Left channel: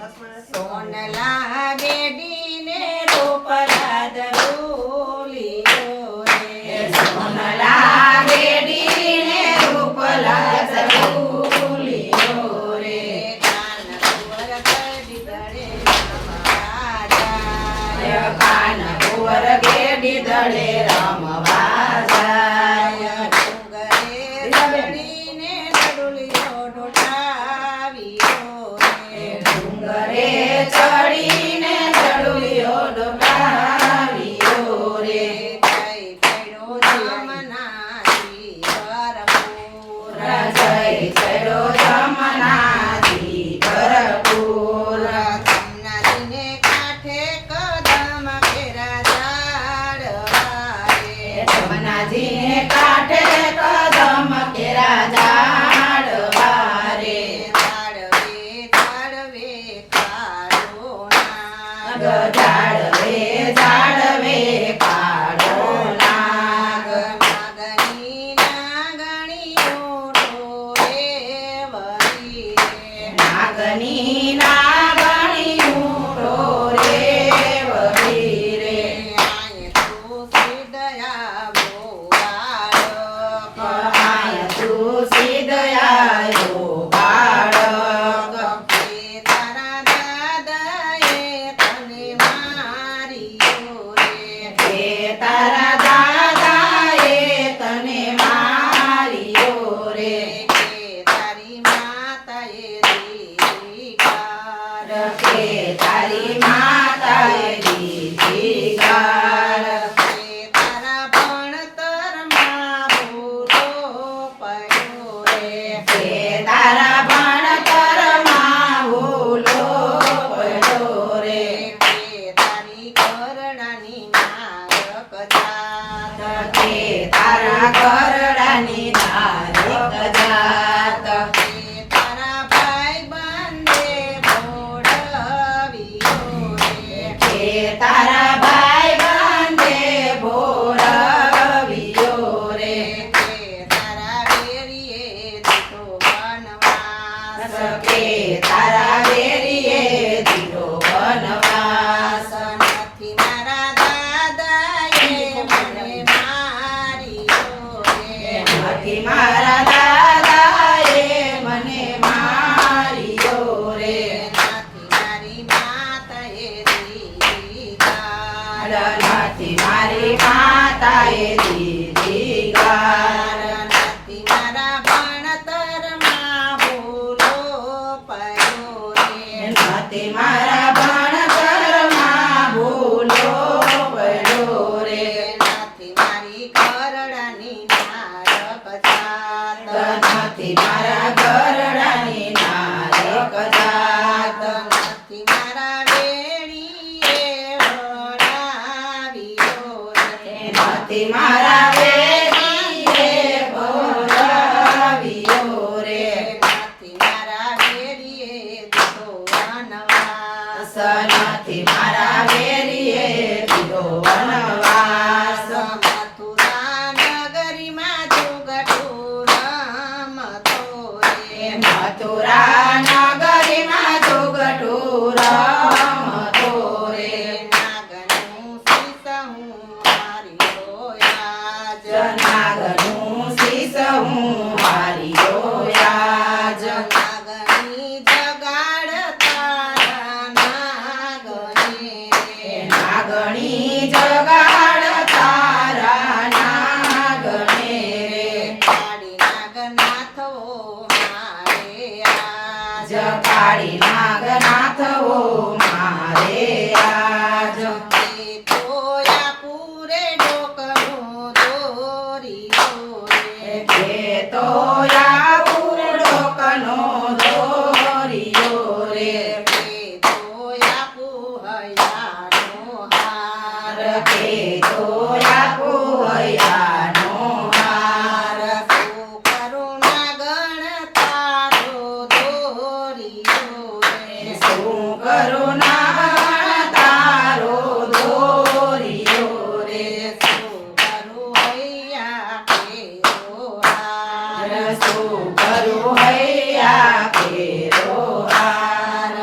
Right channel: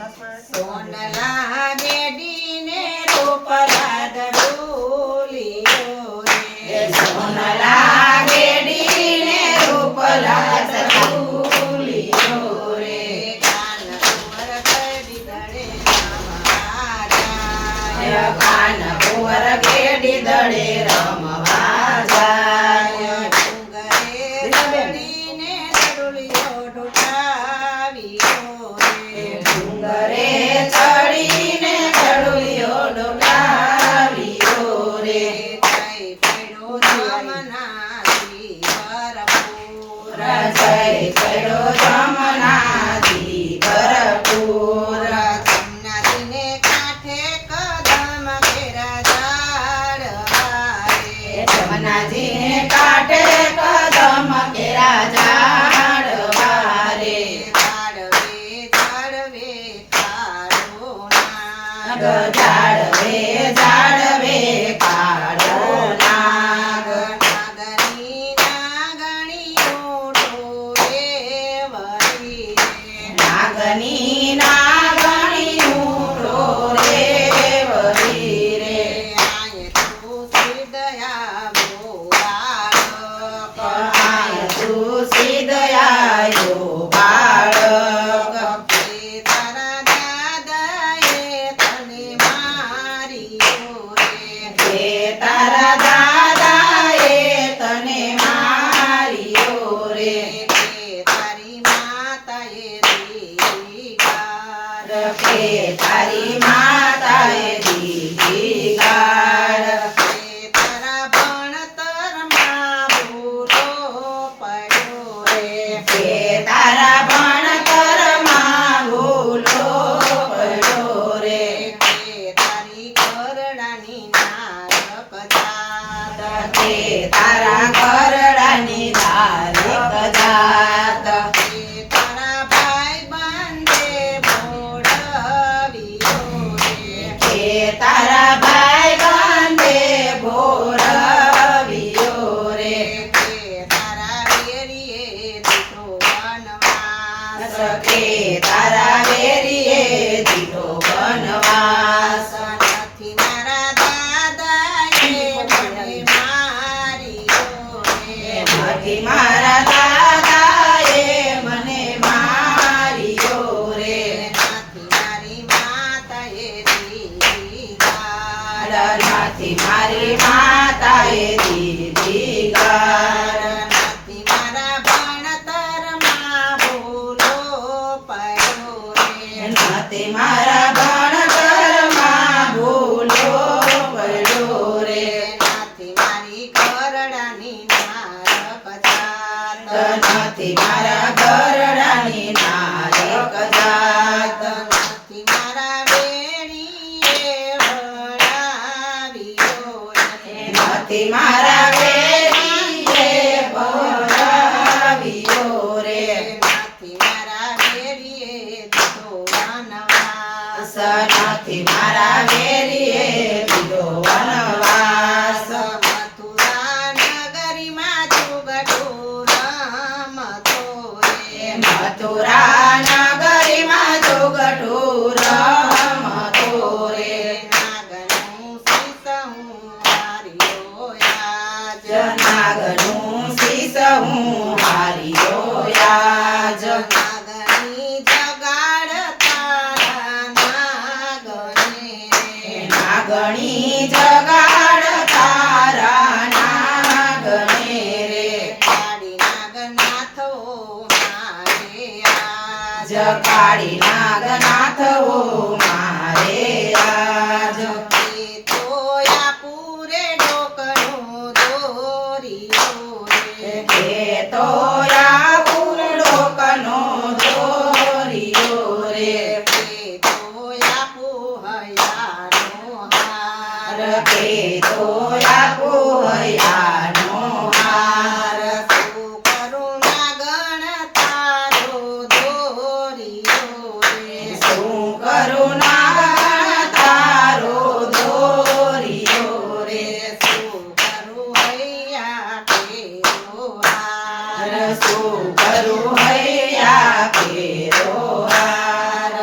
સોનલા બેડીને રૂપલા દડુલિયો રે સોનલા બેડીને રૂપલા દડુલિયો રે કાનપુર ગેડી દડે રામ બાજા કાનપુર ગેડી દડે રામ બાજા ડુંગરે ચડીને દડુલિયો ઢોળાવ્યો રે ડુંગરે ચડીને દડુલિયો ઢોળાવ્યો રે જય પડ્યો જમનાજી ભરપૂર જય ચડ્યો જમનાજી ભરપૂર જમનાજીને કાંઠે કદમ ઘેરા ઝાડવા રે જમનાજીને કાંઠે કદમ કેરા ઝાડવા રે ઝાડવે ઝાડવે કાળો નાગ ઝાડવે ઝાડવે કાળો નાગ નાગની નાગણીઓ ઢોરે વળી રે નાગની નાગણી ઉડો રે વળી રે આય તુલસી દયા મોબાળક આય તુલસી દયાયો બાળક કે તારા દાદાએ તને માર્યો રે કે તારા દાદાએ તને માર્યો રે કે તારી માતાએ દીધી ગાળ કે તારી માતાએ દીધી ગાળ કે તારા ભણતરમાં ભૂલો પડ્યો રે કે તારા ભણતરમાં ભૂલો પડ્યો રે કે તારી કરડાની નારક જાત કે તારા ઘરડાની ધારક જાત કે તારા ભાઈ બંધે ભોળવ્યો રે કે તારા ભાઈ બંધે ભોરવ્યો રે કે તારા વેરીએ દીધો વનવાસ કે તારા વેરીએ દીધો વનવાસ નથી મારા દાદાએ મને માર્યો રે નથી મારા દાદાએ મને માર્યો રે નથી મારી માતાએ દીધી ગાળ નથી મારી માતાએ દીધી ગાળ નથી મારા ભણતરમાં ભૂલો પડ્યો રે નથી મારા ભણતરમાં ભૂલો પડ્યો રે નથી મારી કરડાની નારક જાત નથી મારા ઘરડાની નારક જાત નથી મારા વેણીએ વળાવ્યો રે નથી મારા વેરીએ ભોળવ્યો રે નથી મારા વેરીએ દીધો વનવાસ નથી મારા વેરીએ દીધો વનવાસ મથુરા નગરીમાં જુગટું રમતો રે મથુરા નગરીમાં જોગઠું રમતો રે નાગનું શીશ હું હાર્યો આજ નાગનું શીશ હું હાર્યો આજ નાગની જગાડતા નાગને નાગણી જગાડ તારા નાગણે રે કાળી નાગનાથો મારે આજ કાળી નાગનાથવો મારે આજ એ તોયા પૂરે ડોકનો દોર્યો રે કે તો પૂડો કનો દોર્યો રે એ તોયા પુહયાનો હાર કે તો પૂહયાનો હાર શું કરુણા ગણ તારો દોર્યો રે શું કરું ના તારો દોર્યો રે શું કરું હૈયા કેરો હાર શું કરું હૈયા કેરો હાર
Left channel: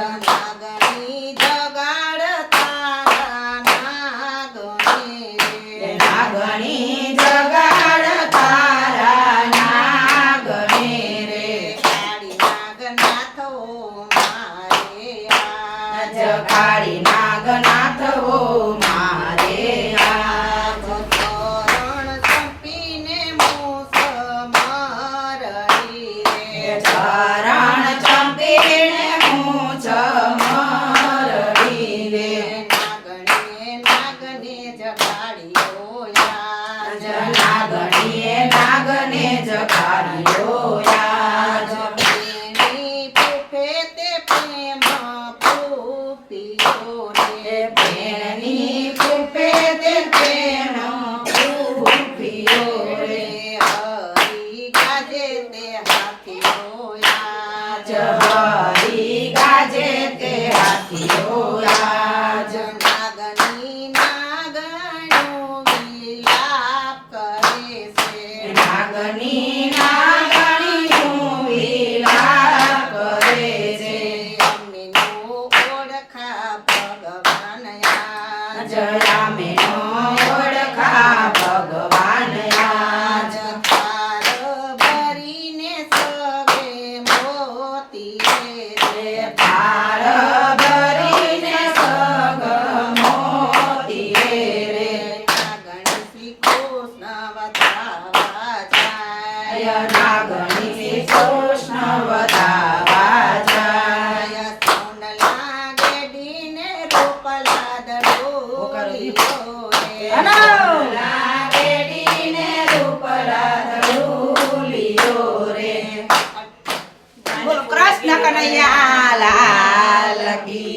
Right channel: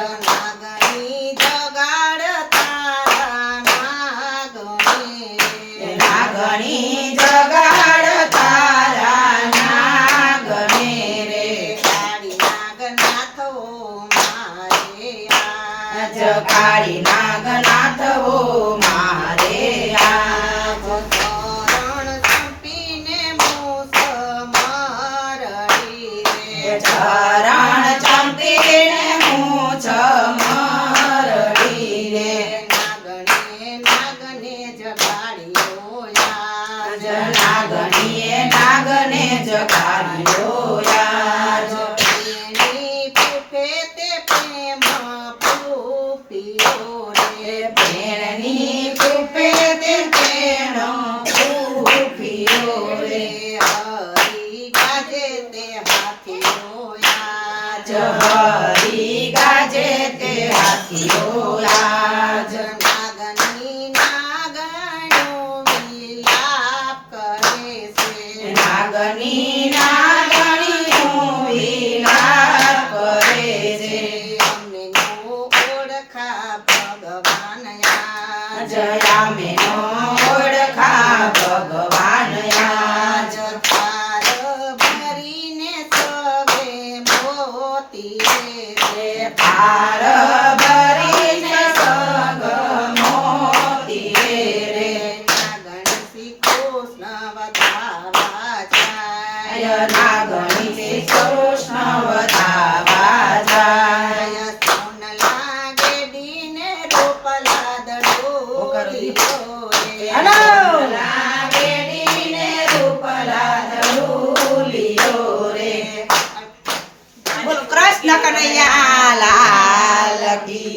જગાડી નાગનાથ હો મારે આજ ચરણ ચંપીને મૂસ મારડી રે ચરણ ચંપીને મૂછ મરડી રે નાગને જગાડ્યો યાજ નાગણીએ નાગને જગાડ્યો યાજ એની પૂફે તે પ્રેમ પૂપ્યો રે પ્રેમની કૃપે તે પ્રેમ પૂપ્યો રે હરી ગાજે તે હાથીઓ યાજ હરી ગાજે તે હાથીઓ આજ નાગની નાગણ્યો વિલાપ કરે છે નાગની નાગણીનું વિલાપ કરે છે અમીનો ઓળખા ભગવાન યાજ જયા મેનો ઓળખા ભગવાન આજ થાર ભરીને સવે મોતી રે થાળ ભરીને સગ મોતી રે નાગણસી કૃષ્ણ વધાવા જાય નાગણી કૃષ્ણ વધાવા જાય સોનલા ગેડીને રોપલા દડોરીઓ રે લાગેડીને રૂપલા દડુલીઓ રે બોલો કૃષ્ણ કનૈયા લાલ કી